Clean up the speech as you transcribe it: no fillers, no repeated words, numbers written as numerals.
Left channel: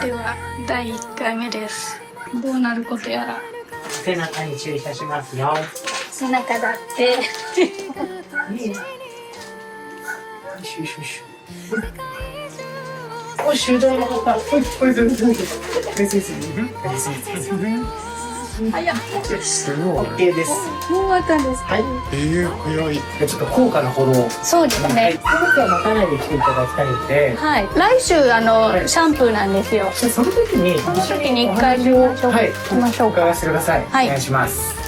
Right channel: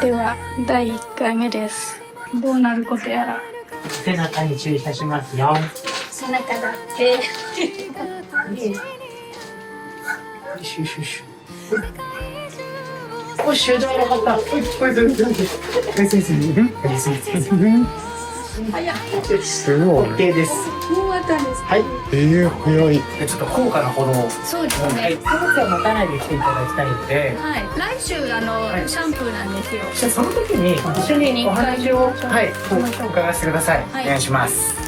では第1回目です。どうなることやら。背中に注意いたしますよ。背中だって。よしよしよし。お、集団の方。はい、はい、どうぞ。すごい。OK です。もう終わったんですか？はい。早い。ちょっと高価なほど。そうですね。荷物を持たないで来ていただきたいので。はい。来週シャンプーなんですよ。その時に一緒にお話を、はい、行きましょうか。伺わせてください。はいお願いします。